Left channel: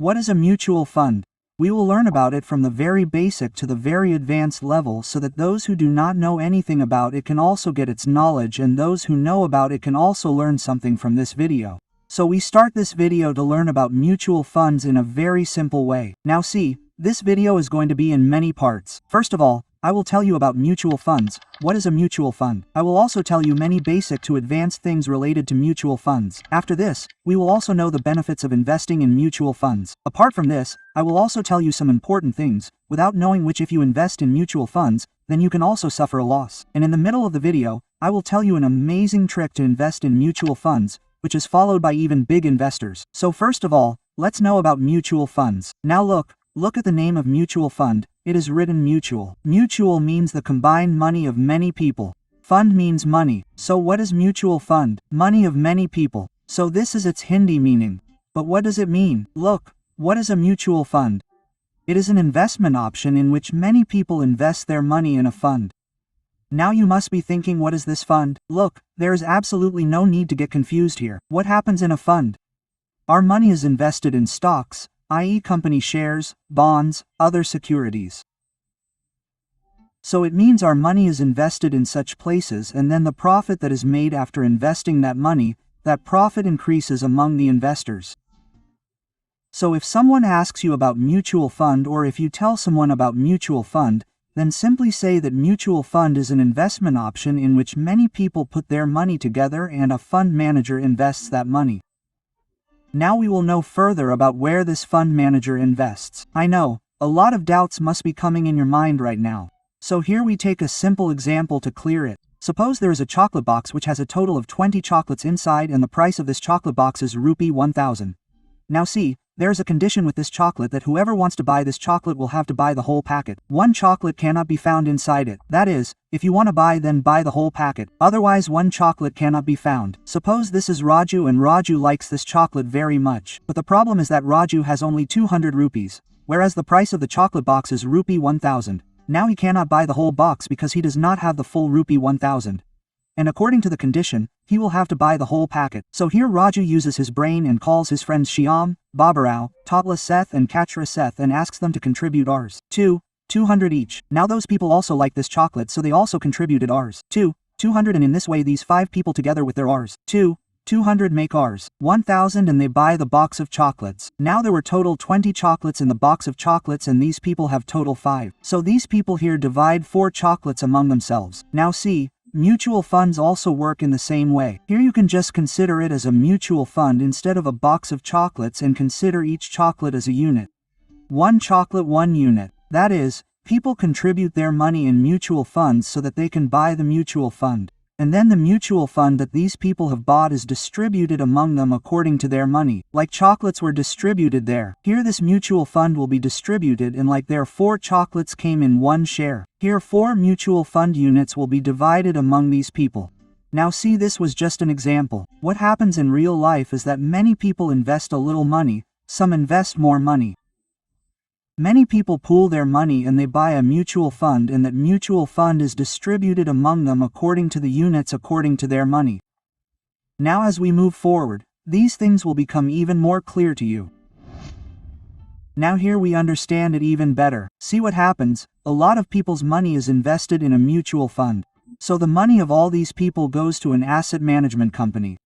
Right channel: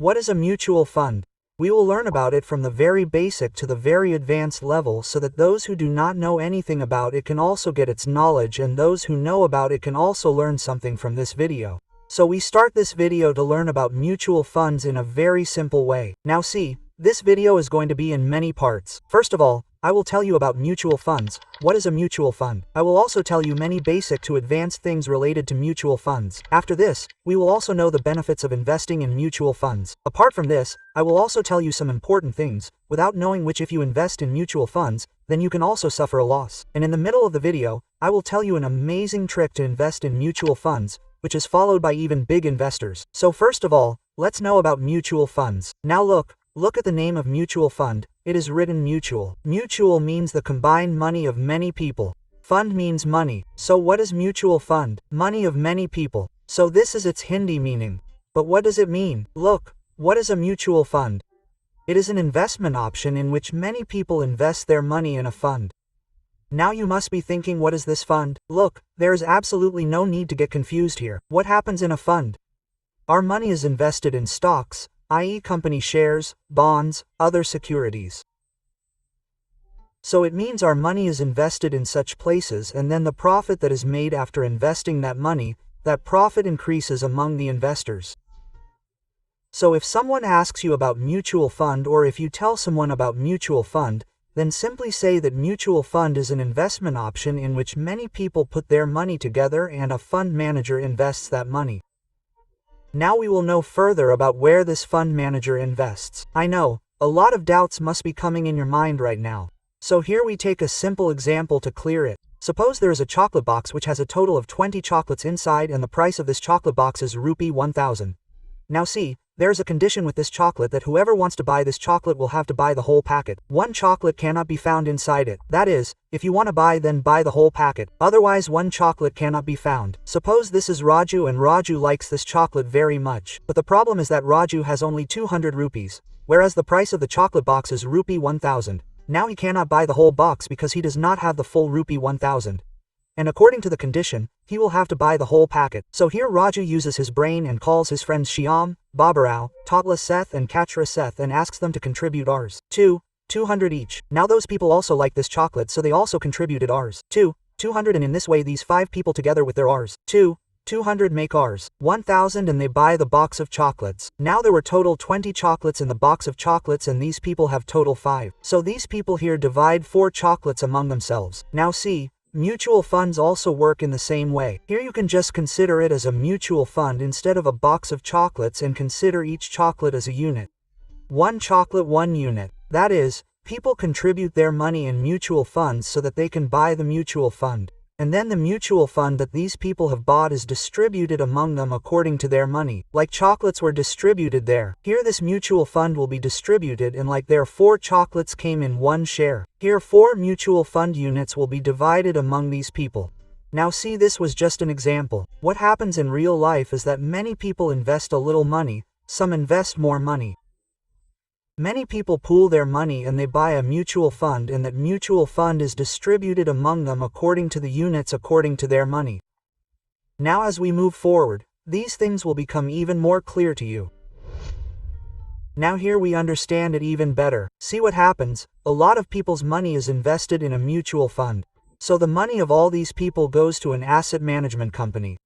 What is a mutual fund? We will learn about it from the very basic to the very advanced level so that those who do not know anything about it can also get its knowledge, and those who know about it can also learn something from this video. So we start this video to learn about mutual funds in a very simple way. Now see, this video is going to be in many parts. First of all, I will tell you about mutual funds. What is a mutual fund? I will also tell you many basic to advanced things related to mutual funds. After this, we will also know the benefits of investing in mutual funds. Apart from this, I will also tell you some important things, without knowing which if you invest in mutual funds, then you can also suffer a loss. And in the middle of the video, I will tell you an amazing trick to invest in mutual funds, which is followed by even big investors. So first of all, let's know about mutual funds. Now look at the name of mutual fund. It is written mutual. Mutual means the combined money of many people. Fund means money. So what is mutual fund? Money of many people. So this is its Hindi meaning. But what does it mean? Look, what is a mutual fund? It is an investment option in which many people invest their money in a fund. Now you must be thinking, what is this fund? Look, there is absolutely no need to get confused here. What happens in a fund? Our money is invested in stocks, i.e. company shares, bonds, other securities. So it means our money is invested in such places, and then the profit that is made after investing that money, that profit increases among the investors. So if someone asks you about mutual fund, or if you tell someone about mutual fund, then simply say that mutual fund is an investment option in which many people put their money together and a fund manager invests that money. Now we will know further about where this fund manager invests. I know, a lot of doubts must be coming in your mind right now. So here we take a simple example to clear it. Suppose there is a chocolate box which has a total of 20 chocolates inside, and the price of this chocolate box is rupee 1000. Now see, there is a condition with this chocolate that whoever wants to buy this chocolate will have to buy the whole packet. One chocolate cannot be found inside it. That is, if you want to buy, then buy the whole packet. Otherwise one chocolate cannot be found. Suppose this is Raju, and Raju likes this chocolate very much. But the problem is that Raju has only 200 rupees, whereas the price of the chocolate box is rupee 1000. Now he cannot buy the whole box because he does not have the full rupee 1000. And according to the condition, he will have to buy the whole packet. So here Raju uses his brain and calls his friends Shyam, Babarao, Totla Seth and Kachra Seth and asks them to contribute Rs. 200 each. Now those people also like this chocolate, so they also contributed Rs. 200, and in this way these 5 people together with their Rs. 200 make Rs. 1000, and they buy the box of chocolates. Now there were total 20 chocolates in the box of chocolates, and these people have total 5. So these people here divide 4 chocolates among themselves. Now see, mutual funds also work in the same way. Here you can just consider it as a mutual fund instead of a box of chocolates, and consider each chocolate as a unit. 1 chocolate 1 unit. That is, people contribute their money in mutual funds so that they can buy the mutual fund. And then the mutual fund that these people have bought is distributed among them according to their money. Like chocolates were distributed there. Here this mutual fund will be distributed, and like there 4 chocolates came in 1 share. Here 4 mutual fund units will be divided among these people. Now see, this was just an example. What happens in real life is that many people invest a little money, some invest more money. Many people pool their money and they buy a mutual fund, and that mutual fund is distributed among them according to the units according to their money. Now as we move forward, these things will become even more clear to you. Now here we understand it even better. See what happens, a lot of people's money is invested in a mutual fund. So the money of all these people goes to an asset management company.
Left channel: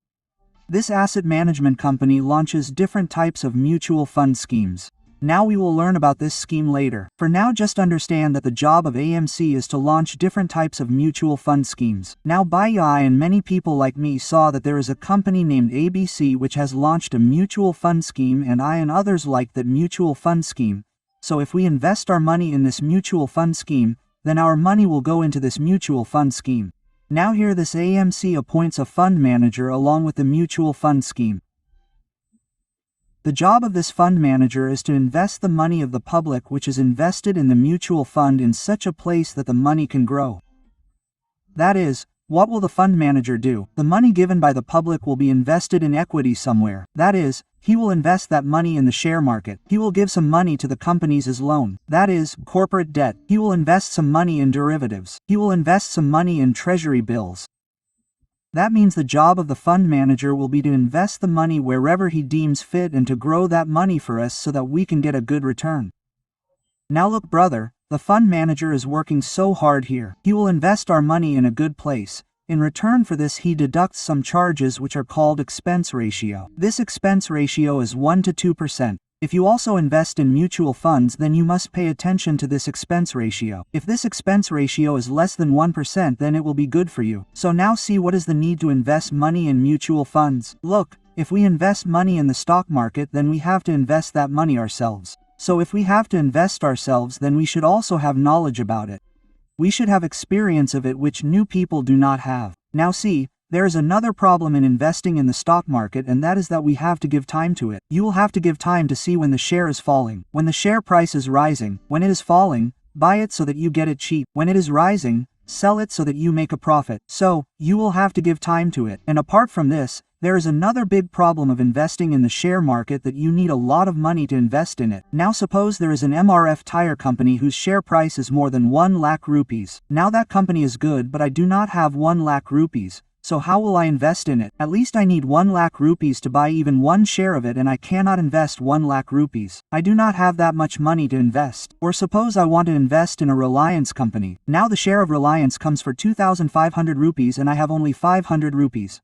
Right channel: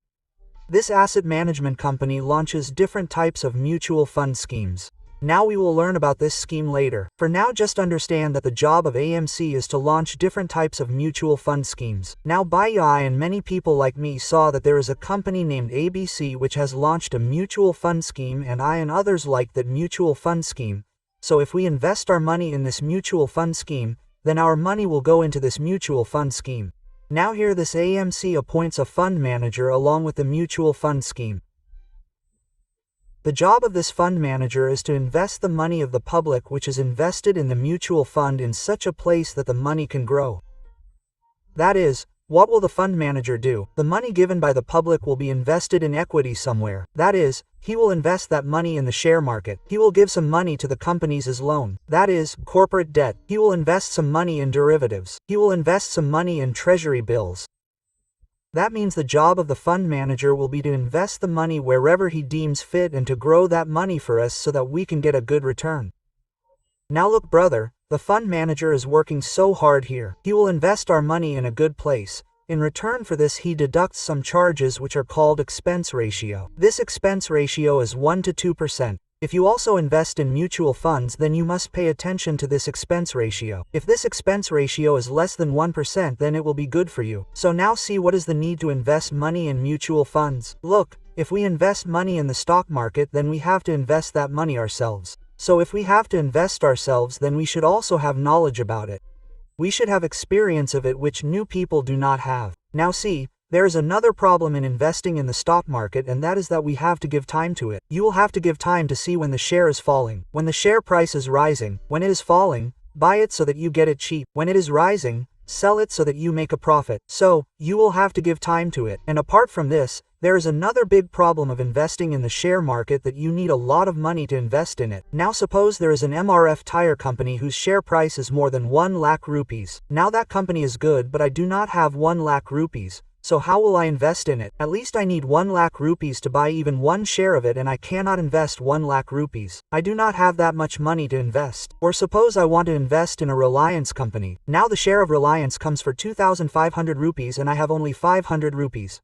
This asset management company launches different types of mutual fund schemes. Now we will learn about this scheme later. For now just understand that the job of AMC is to launch different types of mutual fund schemes. Now I and many people like me saw that there is a company named ABC which has launched a mutual fund scheme, and I and others like that mutual fund scheme. So if we invest our money in this mutual fund scheme, then our money will go into this mutual fund scheme. Now here this AMC appoints a fund manager along with the mutual fund scheme. The job of this fund manager is to invest the money of the public which is invested in the mutual fund in such a place that the money can grow. That is, what will the fund manager do? The money given by the public will be invested in equity somewhere. That is, he will invest that money in the share market. He will give some money to the companies as loan. That is, corporate debt. He will invest some money in derivatives. He will invest some money in treasury bills. That means the job of the fund manager will be to invest the money wherever he deems fit and to grow that money for us so that we can get a good return. Now look, brother, the fund manager is working so hard here. He will invest our money in a good place. In return for this, he deducts some charges which are called expense ratio. This expense ratio is 1 to 2%. If you also invest in mutual funds, then you must pay attention to this expense ratio. If this expense ratio is less than 1%, then it will be good for you. So now see what is the need to invest money in mutual funds. Look, if we invest money in the stock market, then we have to invest that money ourselves. So if we have to invest ourselves, then we should also have knowledge about it. We should have experience of it, which new people do not have. Now see, there is another problem in investing in the stock market, and that is that we have to give time to it. You will have to give time to see when the share is falling, when the share price is rising. When it is falling, buy it so that you get it cheap. When it is rising, sell it so that you make a profit. So, you will have to give time to it. And apart from this, there is another big problem of investing in the share market, that you need a lot of money to invest in it. Now suppose there is an MRF tire company whose share price is more than 1 lakh rupees. Now that company is good, but I do not have 1 lakh rupees. So how will I invest in it? At least I need 1 lakh rupees to buy even one share of it, and I cannot invest 1 lakh rupees. I do not have that much money to invest. Or suppose I want to invest in a Reliance company. Now the share of Reliance comes for 2,500 rupees and I have only 500 rupees.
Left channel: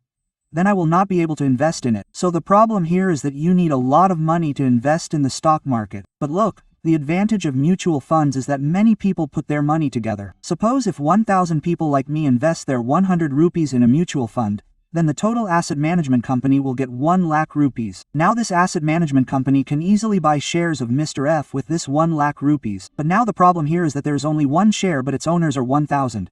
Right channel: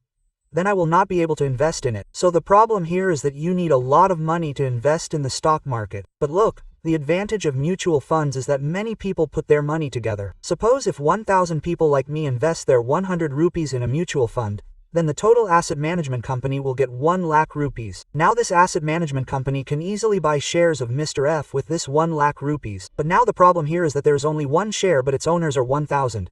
Then I will not be able to invest in it. So the problem here is that you need a lot of money to invest in the stock market. But look, the advantage of mutual funds is that many people put their money together. Suppose if 1,000 people like me invest their 100 rupees in a mutual fund, then the total asset management company will get 1 lakh rupees. Now this asset management company can easily buy shares of Mr. F with this 1 lakh rupees. But now the problem here is that there is only one share, but its owners are 1,000.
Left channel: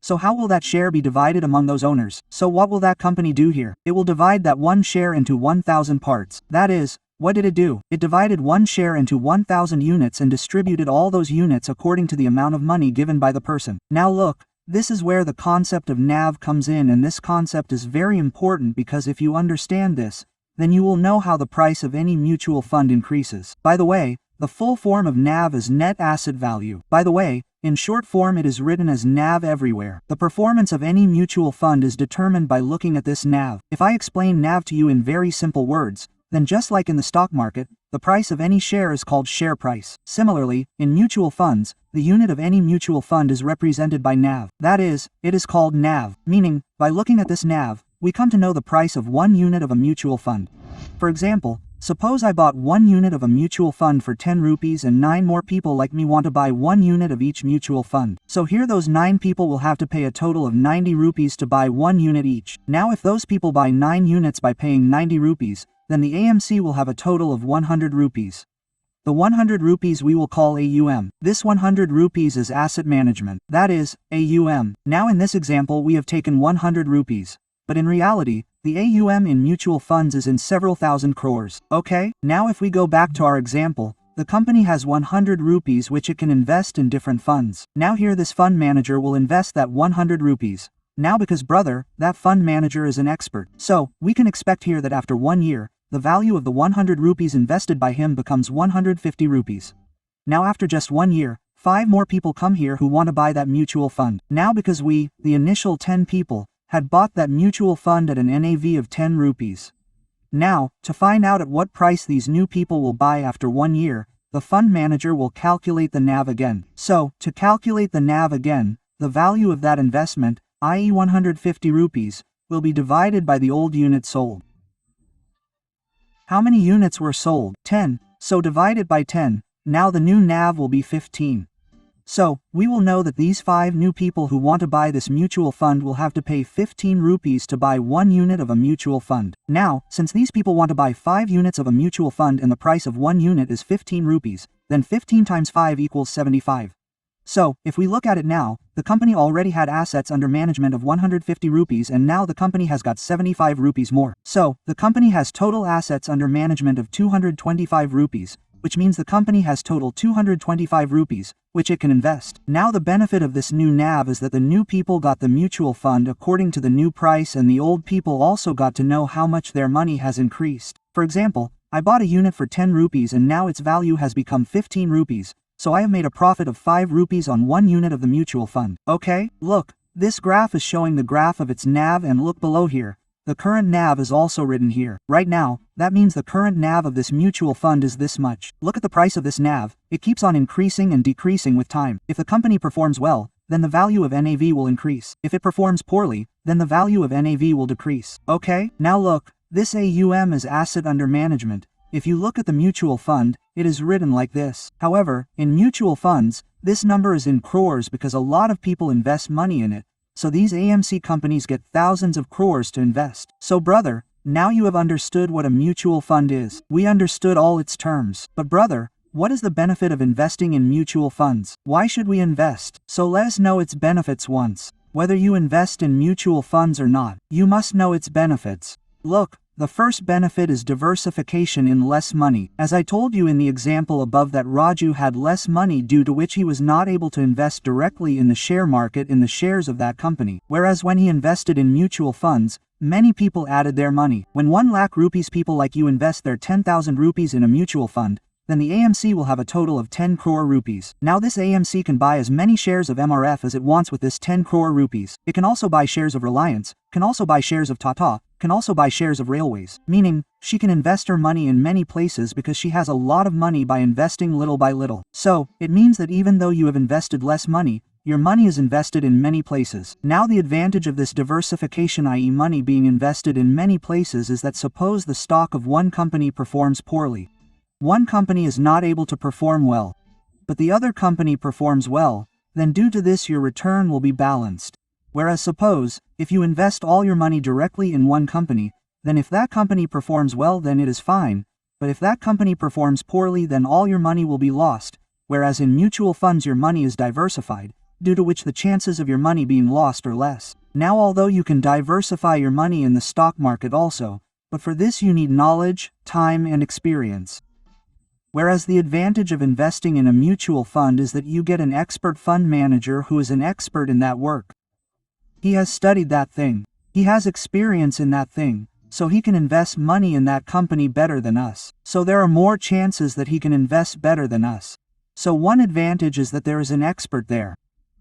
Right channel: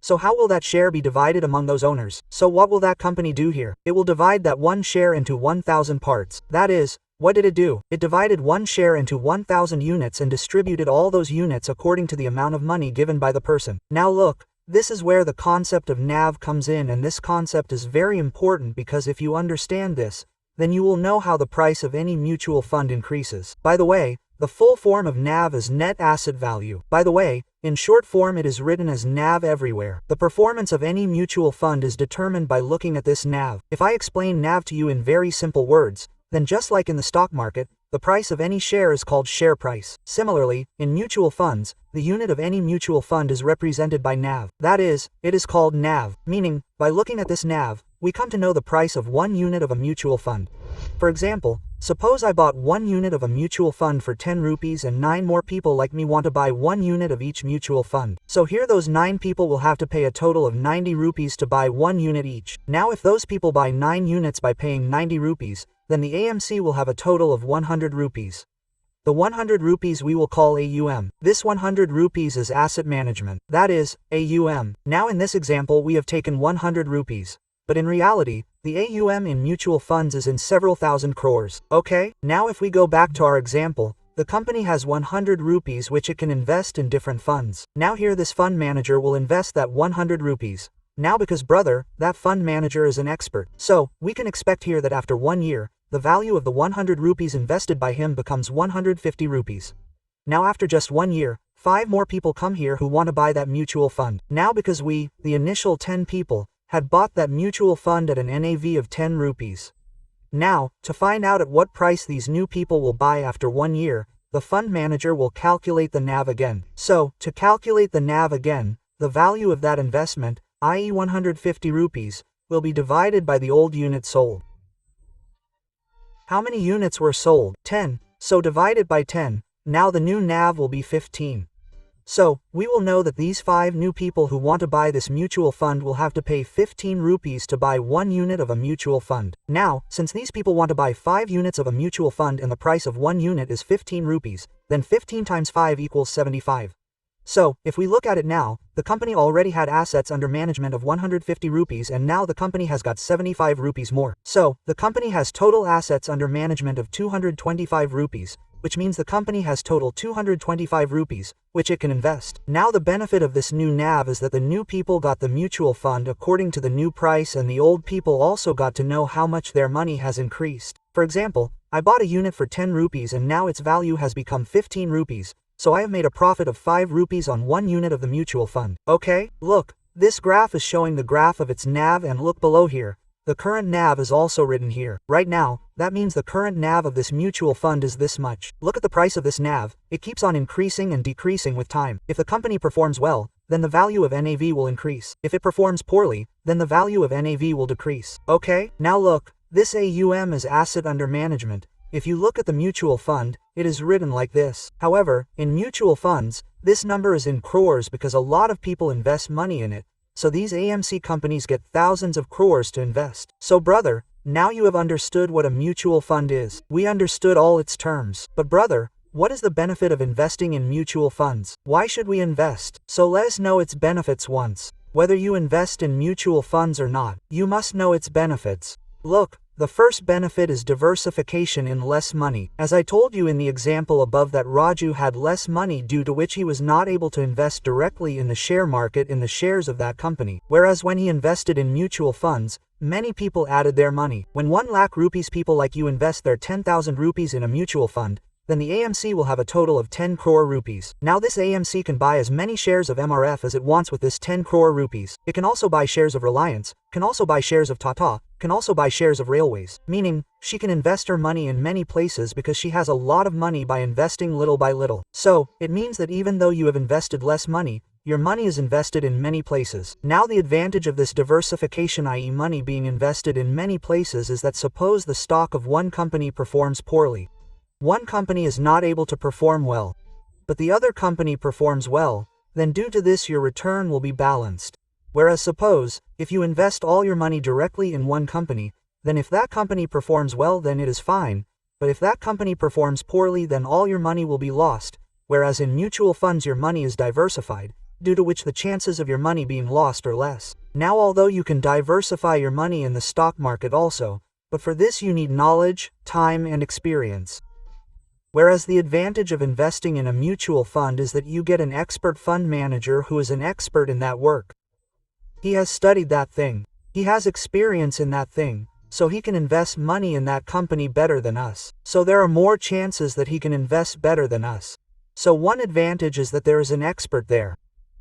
So how will that share be divided among those owners? So what will that company do here? It will divide that one share into 1,000 parts. That is, what did it do? It divided one share into 1,000 units and distributed all those units according to the amount of money given by the person. Now look, this is where the concept of NAV comes in, and this concept is very important because if you understand this, then you will know how the price of any mutual fund increases. By the way, the full form of NAV is net asset value. By the way, in short form it is written as NAV everywhere. The performance of any mutual fund is determined by looking at this NAV. If I explain NAV to you in very simple words, then just like in the stock market, the price of any share is called share price. Similarly, in mutual funds, the unit of any mutual fund is represented by NAV. That is, it is called NAV, meaning, by looking at this NAV, we come to know the price of one unit of a mutual fund. For example, suppose I bought 1 unit of a mutual fund for 10 rupees and 9 more people like me want to buy 1 unit of each mutual fund. So here those 9 people will have to pay a total of 90 rupees to buy 1 unit each. Now if those people buy 9 units by paying 90 rupees, then the AMC will have a total of 100 rupees. The 100 rupees we will call AUM. This 100 rupees is asset management. That is, AUM. Now in this example we have taken 100 rupees. But in reality, the AUM in mutual funds is in several thousand crores. Okay? Now if we go back to our example, the company has 100 rupees which it can invest in different funds. Now here this fund manager will invest that 100 rupees. Now because brother, that fund manager is an expert. So, we can expect here that after 1 year, the value of the 100 rupees invested by him becomes 150 rupees. Now after just 1 year, 5 more people come here who want to buy that mutual fund. Now because we, the initial 10 people, had bought that mutual fund at an NAV of 10 rupees. Now, to find out at what price these new people will buy after 1 year, the fund manager will calculate the NAV again. So, to calculate the NAV again, the value of that investment, i.e. 150 rupees, will be divided by the old unit sold. How many units were sold? 10. So divided by 10, now the new NAV will be 15. So, we will know that these 5 new people who want to buy this mutual fund will have to pay 15 rupees to buy 1 unit of a mutual fund. Now, since these people want to buy 5 units of a mutual fund and the price of 1 unit is 15 rupees, then 15 times 5 equals 75. So, if we look at it now, the company already had assets under management of 150 rupees and now the company has got 75 rupees more. So, the company has total assets under management of 225 rupees, which means the company has total 225 rupees, which it can invest. Now the benefit of this new NAV is that the new people got the mutual fund according to the new price and the old people also got to know how much their money has increased. For example, I bought a unit for 10 rupees and now its value has become 15 rupees, so I have made a profit of 5 rupees on 1 unit of the mutual fund. Okay, look, This graph is showing the graph of its NAV, and look below here. The current NAV is also written here. Right now, that means the current NAV of this mutual fund is this much. Look at the price of this NAV. It keeps on increasing and decreasing with time. If the company performs well, then the value of NAV will increase. If it performs poorly, then the value of NAV will decrease. Okay, now look, this AUM is asset under management. If you look at the mutual fund, it is written like this. However, in mutual funds, this number is in crores because a lot of people invest money in it. So these AMC companies get thousands of crores to invest. So brother, now you have understood what a mutual fund is. We understood all its terms. But brother, what is the benefit of investing in mutual funds? Why should we invest? So let us know its benefits once. Whether you invest in mutual funds or not, you must know its benefits. Look, the first benefit is diversification in less money. As I told you in the example above that Raju had less money due to which he was not able to invest directly in the share market in the shares of that company. Whereas when he invested in mutual funds, many people added their money. When 1 lakh rupees people like you invest their 10,000 rupees in a mutual fund, then the AMC will have a total of 10 crore rupees. Now this AMC can buy as many shares of MRF as it wants with this 10 crore rupees. It can also buy shares of Reliance, can also buy shares of Tata, can also buy shares of railways, meaning she can invest her money in many places because she has a lot of money by investing little by little. So, it means that even though you have invested less money, your money is invested in many places. Now the advantage of this diversification, i.e. money being invested in many places, is that suppose the stock of one company performs poorly. One company is not able to perform well, but the other company performs well, then due to this your return will be balanced. Whereas suppose, if you invest all your money directly in one company, then if that company performs well then it is fine, but if that company performs poorly then all your money will be lost, whereas in mutual funds your money is diversified, due to which the chances of your money being lost are less. Now although you can diversify your money in the stock market also, but for this you need knowledge, time and experience. Whereas the advantage of investing in a mutual fund is that you get an expert fund manager who is an expert in that work. He has studied that thing. He has experience in that thing, so he can invest money in that company better than us. So there are more chances that he can invest better than us. So one advantage is that there is an expert there.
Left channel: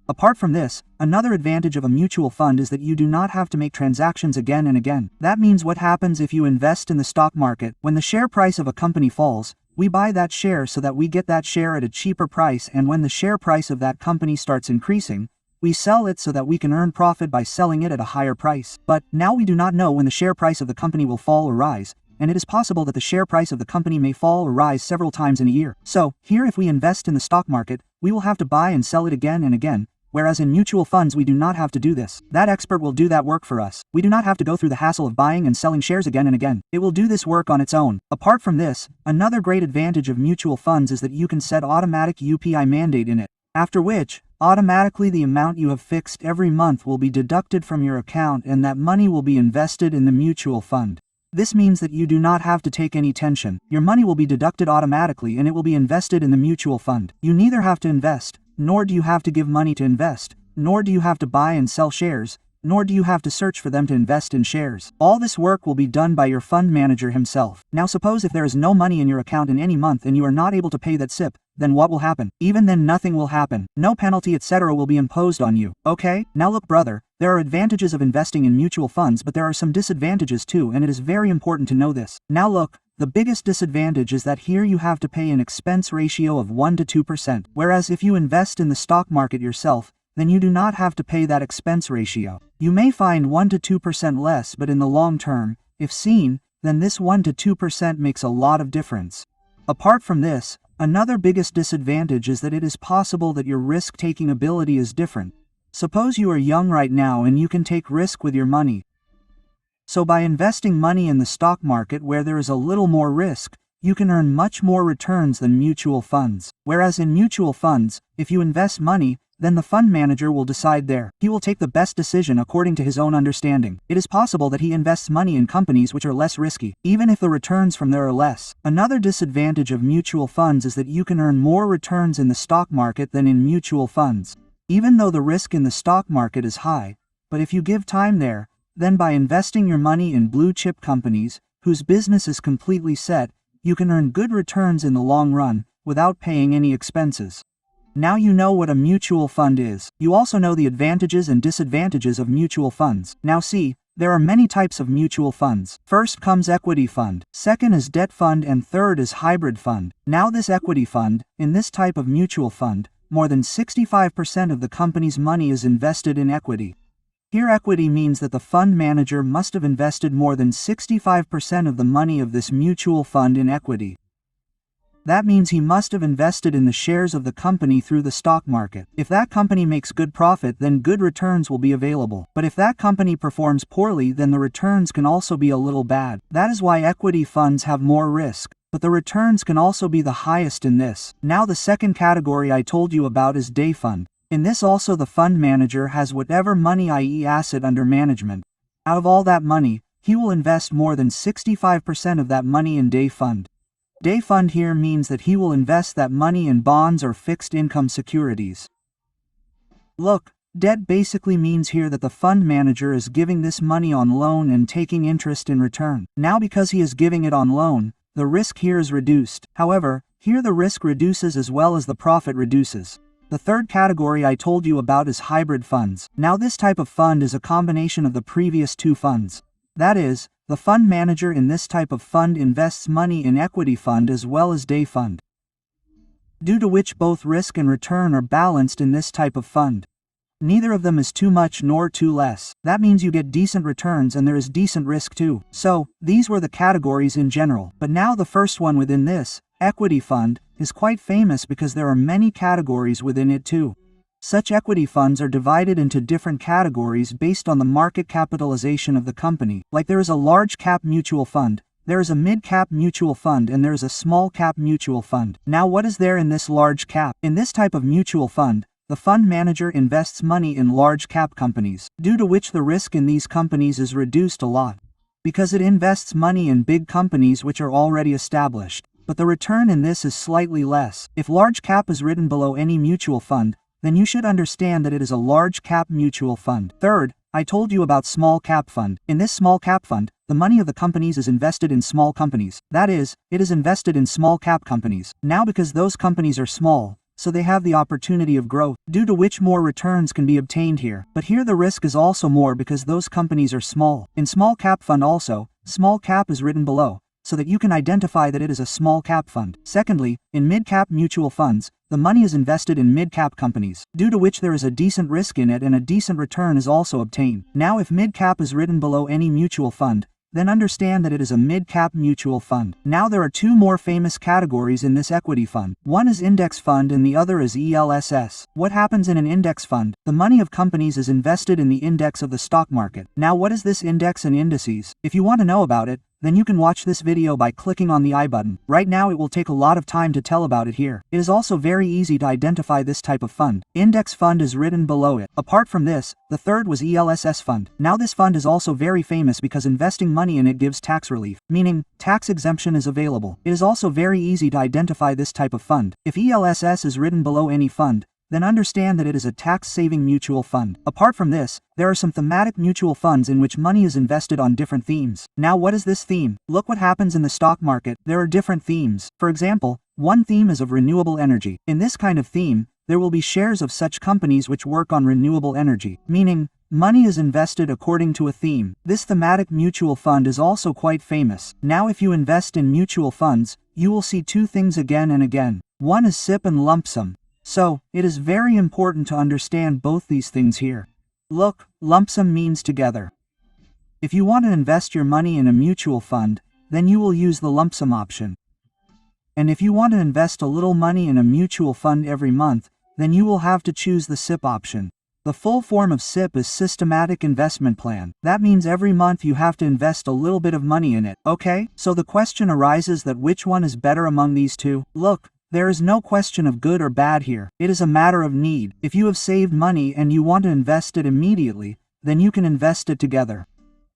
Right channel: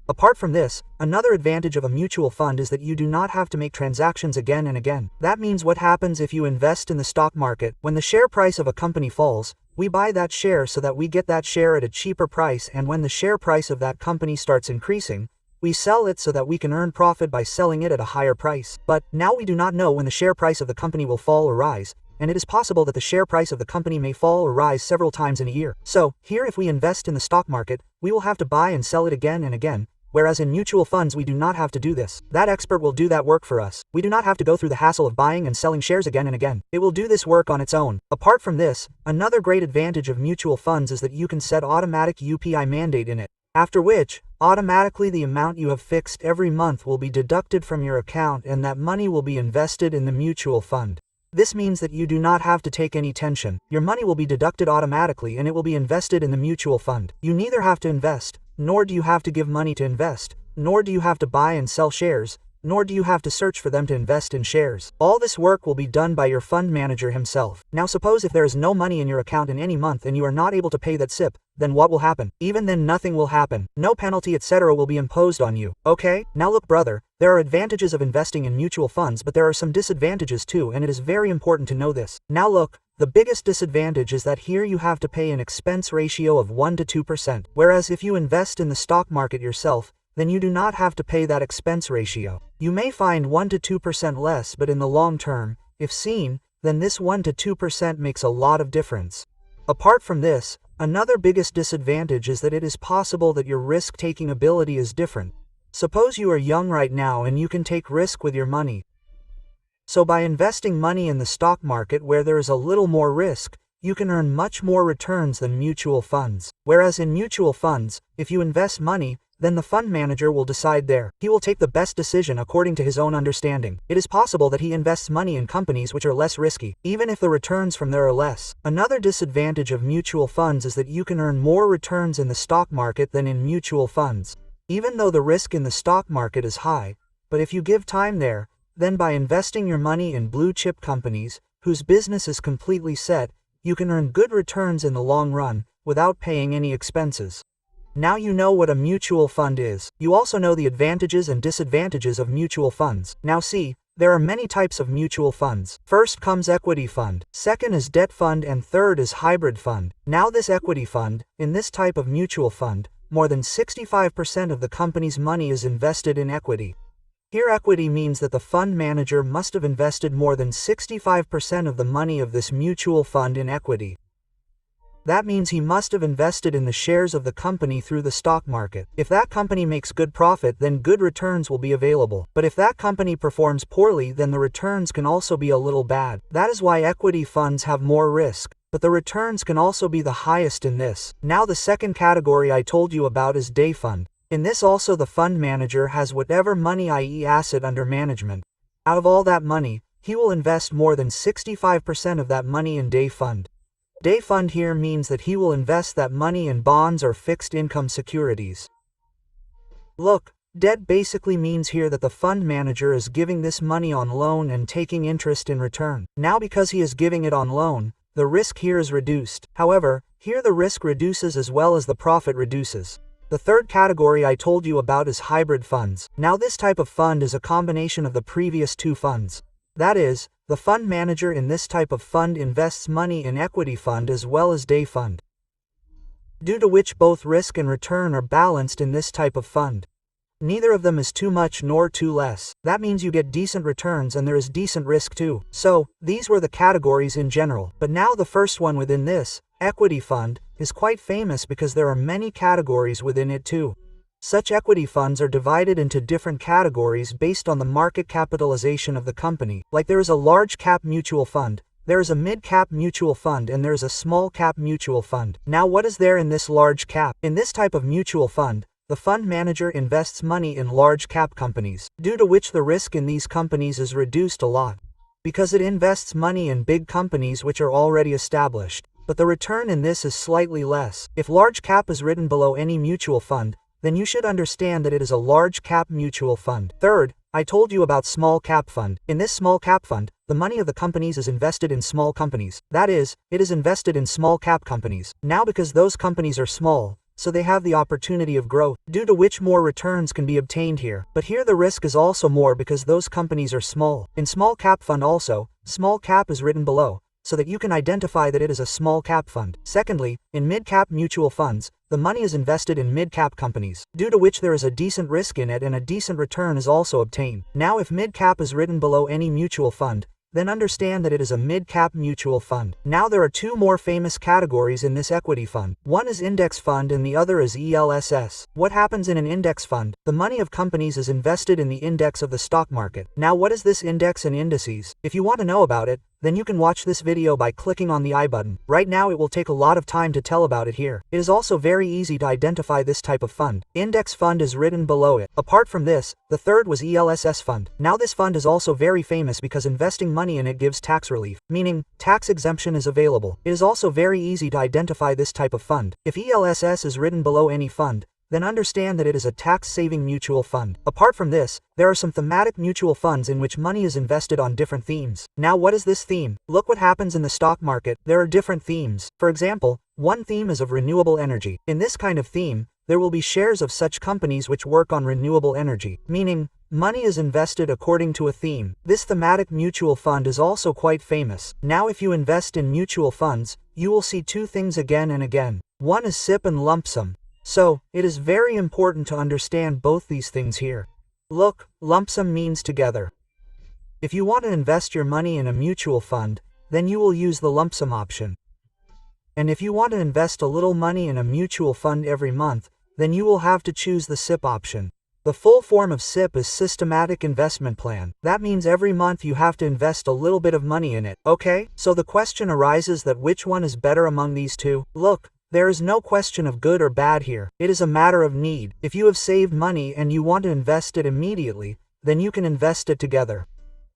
Apart from this, another advantage of a mutual fund is that you do not have to make transactions again and again. That means what happens if you invest in the stock market, when the share price of a company falls, we buy that share so that we get that share at a cheaper price, and when the share price of that company starts increasing, we sell it so that we can earn profit by selling it at a higher price. But now we do not know when the share price of the company will fall or rise, and it is possible that the share price of the company may fall or rise several times in a year. So, here if we invest in the stock market, we will have to buy and sell it again and again, whereas in mutual funds we do not have to do this. That expert will do that work for us. We do not have to go through the hassle of buying and selling shares again and again. It will do this work on its own. Apart from this, another great advantage of mutual funds is that you can set automatic UPI mandate in it, after which, automatically the amount you have fixed every month will be deducted from your account and that money will be invested in the mutual fund. This means that you do not have to take any tension. Your money will be deducted automatically and it will be invested in the mutual fund. You neither have to invest, nor do you have to give money to invest, nor do you have to buy and sell shares, nor do you have to search for them to invest in shares. All this work will be done by your fund manager himself. Now suppose if there is no money in your account in any month and you are not able to pay that SIP, then what will happen? Even then nothing will happen. No penalty etc. will be imposed on you. Okay? Now look brother, there are advantages of investing in mutual funds, but there are some disadvantages too, and it is very important to know this. Now look, the biggest disadvantage is that here you have to pay an expense ratio of 1 to 2%, whereas if you invest in the stock market yourself, then you do not have to pay that expense ratio. You may find 1 to 2% less, but in the long term, if seen, then this 1 to 2% makes a lot of difference. Apart from this, another biggest disadvantage is that it is possible that your risk-taking ability is different. Suppose you are young right now and you can take risk with your money. So by investing money in the stock market where there is a little more risk, you can earn much more returns than mutual funds. Whereas in mutual funds, if you invest money, then the fund manager will decide there. He will take the best decision according to his own understanding. It is possible that he invests money in companies which are less risky, even if the returns from there are less. Another disadvantage of mutual funds is that you can earn more returns in the stock market than in mutual funds. Even though the risk in the stock market is high, but if you give time there, then by investing your money in blue chip companies, whose business is completely set, you can earn good returns in the long run, without paying any expenses. Now you know what a mutual fund is. You also know the advantages and disadvantages of mutual funds. Now see, there are many types of mutual funds. First comes equity fund, second is debt fund, and third is hybrid fund. Now this equity fund, in this type of mutual fund, more than 65% of the company's money is invested in equity. Here equity means that the fund manager must have invested more than 65% of the money of this mutual fund in equity. That means he must have invested in the shares of the company through the stock market. If that company makes good profit, then good returns will be available. But if that company performs poorly, then the returns can also be a little bad. That is why equity funds have more risk, but the returns can also be the highest in this. Now the second category I told you about is day fund. In this also the fund manager has whatever money, i.e. asset under management. Out of all that money, he will invest more than 65% of that money in day fund. Day fund here means that he will invest that money in bonds or fixed income securities. Look, debt basically means here that the fund manager is giving this money on loan and taking interest in return. Now because he is giving it on loan, the risk here is reduced. However, here the risk reduces as well as the profit reduces. The third category I told you about is hybrid funds. Now this type of fund is a combination of the previous two funds. That is, the fund manager in this type of fund invests money in equity fund as well as day fund, due to which both risk and return are balanced in this type of fund. Neither of them is too much nor too less. That means you get decent returns and there is decent risk too. So, these were the categories in general. But now the first one within this, equity fund, is quite famous because there are many categories within it too. Such equity funds are divided into different categories based on the market capitalization of the company. Like there is a large cap mutual fund, there is a mid cap mutual fund, and there is a small cap mutual fund. Now what is there in this large cap? In this type of mutual fund, the fund manager invests money in large cap companies, due to which the risk in these companies is reduced a lot, because it invests money in big companies which are already established. But the return in this is slightly less. If large cap is written below any mutual fund, then you should understand that it is a large cap mutual fund. Third, I told you about small cap fund. In this small cap fund, the money of the companies is invested in small companies. That is, it is invested in small cap companies. Now because those companies are small, so they have the opportunity of growth, due to which more returns can be obtained here. But here the risk is also more because those companies are small. In small cap fund also, small cap is written below, so that you can identify that it is a small cap fund. Secondly, in mid-cap mutual funds, the money is invested in mid-cap companies, due to which there is a decent risk in it and a decent return is also obtained. Now if mid-cap is written below any mutual fund, then understand that it is a mid-cap mutual fund. Now there are two more famous categories in this equity fund. One is index fund and the other is ELSS. What happens in an index fund? The money of companies is invested in the index of the stock market. Now what is this index and indices? If you want to know about it, then you can watch this video by clicking on the I button. Right now it will take a lot of time to tell about it here. It is also very easy to identify this type of fund. Index fund is written below it. Apart from this, the third was ELSS fund. Now this fund is also very famous because investing money in it gives tax relief, meaning tax exemption is available. It is also very easy to identify this type of fund. If ELSS is written below any fund, then understand that it is a tax-saving mutual fund. Apart from this, there are some thematic mutual funds in which money is invested on different themes. Now what is this theme? Look what happens in the stock market. There are different themes. For example, one theme is of renewable energy. In this kind of theme, there will be shares of such companies which work on renewable energy, meaning money is invested according to a theme. This thematic mutual fund is also quite famous. Now if you invest in mutual funds, you will see two things again and again. One is SIP and lump sum. So, it is very important to understand both these things here. Look, lump sum means together. If you want to invest your money in a mutual fund, then you will use the lump sum option. And if you want to invest a little money in a mutual fund every month, then you will have to choose the SIP option. The full form of SIP is Systematic Investment Plan. That means every month you have to invest a little bit of money in it, okay? So the question arises that which one is better among these two? Look, there is no question of good or bad here. It is a matter of need. If you have saved money and you want to invest it immediately, then you can invest it together.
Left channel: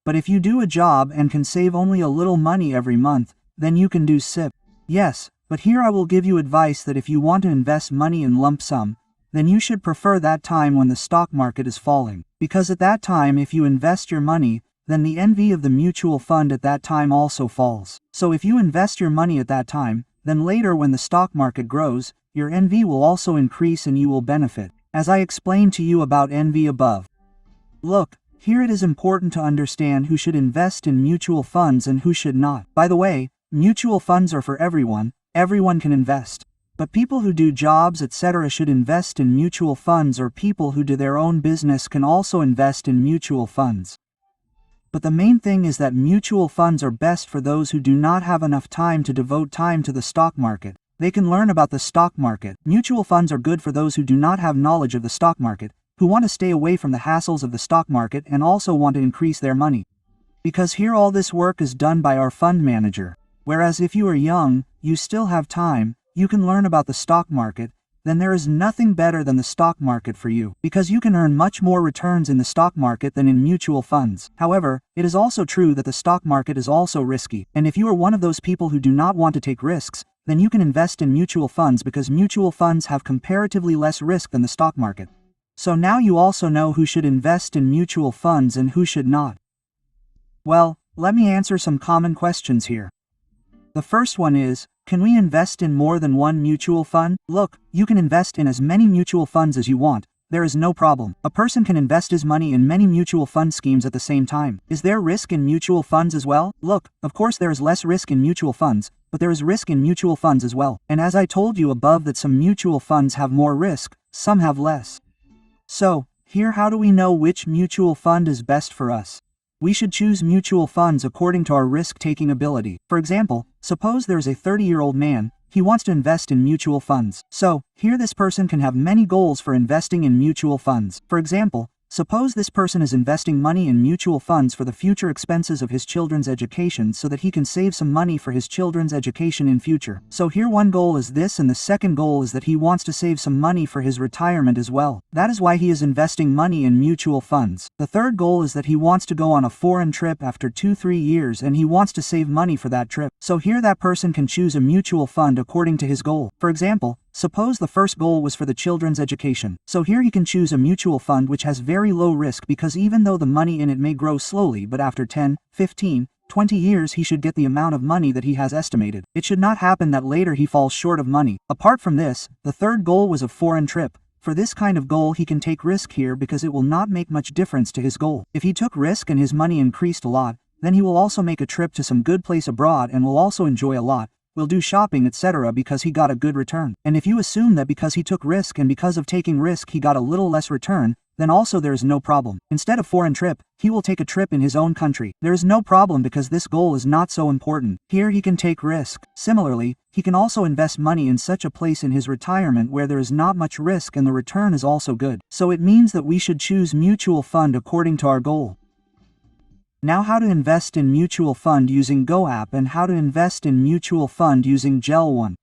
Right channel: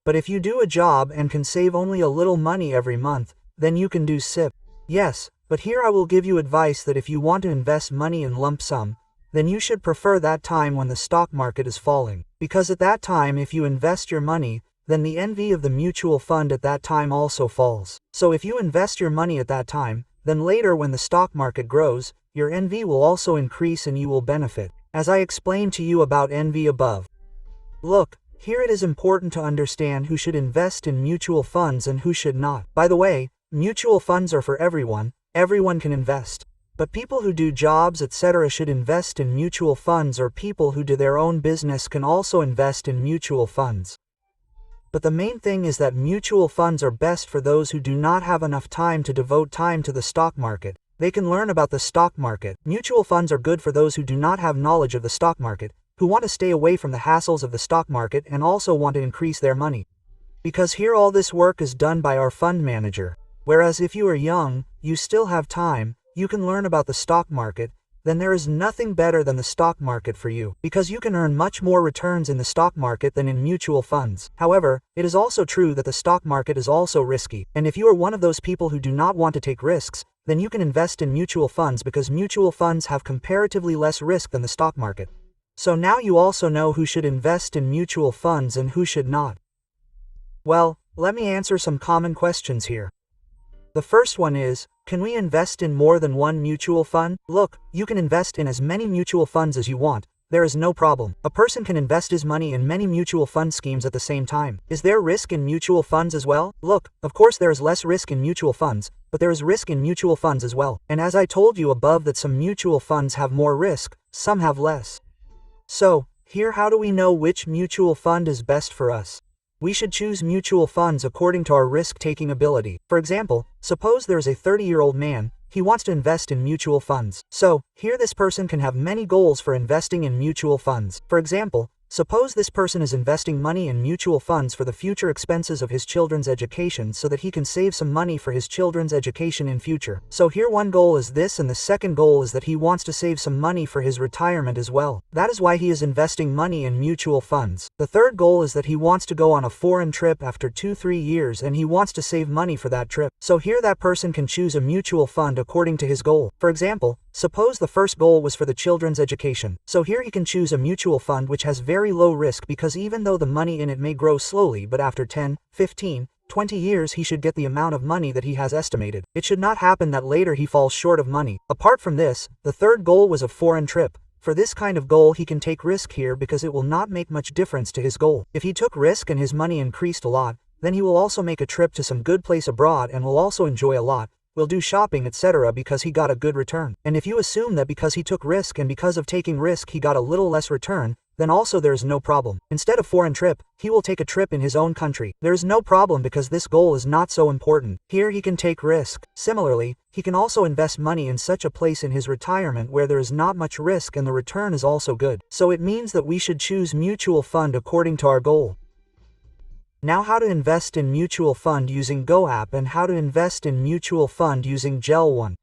But if you do a job and can save only a little money every month, then you can do SIP. Yes, but here I will give you advice that if you want to invest money in lump sum, then you should prefer that time when the stock market is falling. Because at that time if you invest your money, then the NV of the mutual fund at that time also falls. So if you invest your money at that time, then later when the stock market grows, your envy will also increase and you will benefit. As I explained to you about envy above. Look, here it is important to understand who should invest in mutual funds and who should not. By the way, mutual funds are for everyone can invest. But people who do jobs etc. should invest in mutual funds, or people who do their own business can also invest in mutual funds. But the main thing is that mutual funds are best for those who do not have enough time to devote time to the stock market. They can learn about the stock market. Mutual funds are good for those who do not have knowledge of the stock market, who want to stay away from the hassles of the stock market and also want to increase their money. Because here all this work is done by our fund manager. Whereas if you are young, you still have time, you can learn about the stock market, then there is nothing better than the stock market for you, because you can earn much more returns in the stock market than in mutual funds. However, it is also true that the stock market is also risky, and if you are one of those people who do not want to take risks, then you can invest in mutual funds because mutual funds have comparatively less risk than the stock market. So now you also know who should invest in mutual funds and who should not. Well, let me answer some common questions here. The first one is, can we invest in more than one mutual fund? Look, you can invest in as many mutual funds as you want. There is no problem. A person can invest his money in many mutual fund schemes at the same time. Is there risk in mutual funds as well? Look, of course there is less risk in mutual funds, but there is risk in mutual funds as well. And as I told you above that some mutual funds have more risk, some have less. So, here how do we know which mutual fund is best for us? We should choose mutual funds according to our risk-taking ability. For example, suppose there is a 30-year-old man, he wants to invest in mutual funds. So, here this person can have many goals for investing in mutual funds. For example, suppose this person is investing money in mutual funds for the future expenses of his children's education so that he can save some money for his children's education in future. So here one goal is this, and the second goal is that he wants to save some money for his retirement as well. That is why he is investing money in mutual funds. The third goal is that he wants to go on a foreign trip after 2-3 years and he wants to save money for that trip. So here that person can choose a mutual fund according to his goal. For example, suppose the first goal was for the children's education. So here he can choose a mutual fund which has very low risk, because even though the money in it may grow slowly, but after 10, 15, 20 years he should get the amount of money that he has estimated. It should not happen that later he falls short of money. Apart from this, the third goal was a foreign trip. For this kind of goal he can take risk here because it will not make much difference to his goal. If he took risk and his money increased a lot, then he will also make a trip to some good place abroad and will also enjoy a lot, will do shopping etc. because he got a good return. And if you assume that because he took risk and because of taking risk he got a little less return, then also there is no problem. Instead of foreign trip, he will take a trip in his own country. There is no problem because this goal is not so important. Here he can take risk. Similarly, he can also invest money in such a place in his retirement where there is not much risk and the return is also good. So it means that we should choose mutual fund according to our goal. Now how to invest in mutual fund using Go app and how to invest in mutual fund using Gel 1.